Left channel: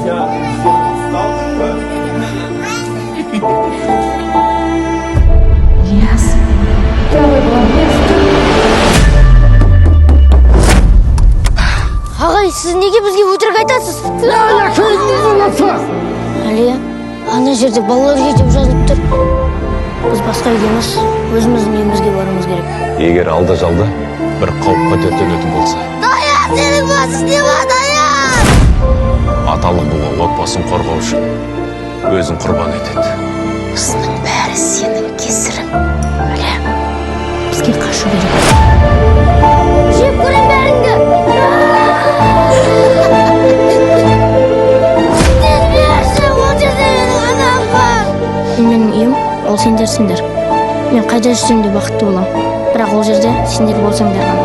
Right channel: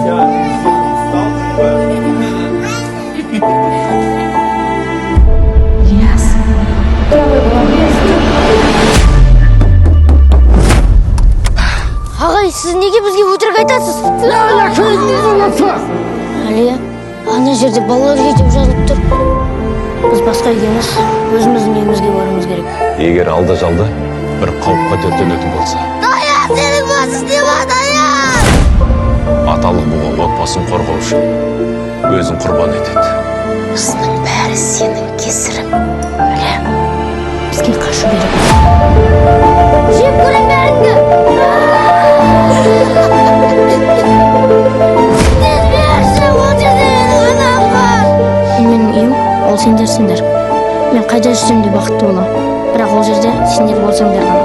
Yes. Правый молодец. Ағай, сіз неге бізге өтірік айтасыз? Әлия, ана жерде балалар үйі деп жазылып тұр. Біз басқа үйге емес, өзіміздің үйімізге баруымыз керек. Егер алда-жалда бір қауіп қатер төнетін болса. Даян, сенің бас істеме, Даян! Аталық бұға отбасын қорғау үшін өзін құрбан етеді. Осының бәрі сенің кесірің. Әлия, бізге қашу керек. Жеп көрем бәріңді! Сіз берші, ол жерде менің анам бар! Менің үйім, ол сендерсіңдер. Мен қайда жүрсем де бақытты болам. Бірақ ол жерде сендер болсаңдар ғана.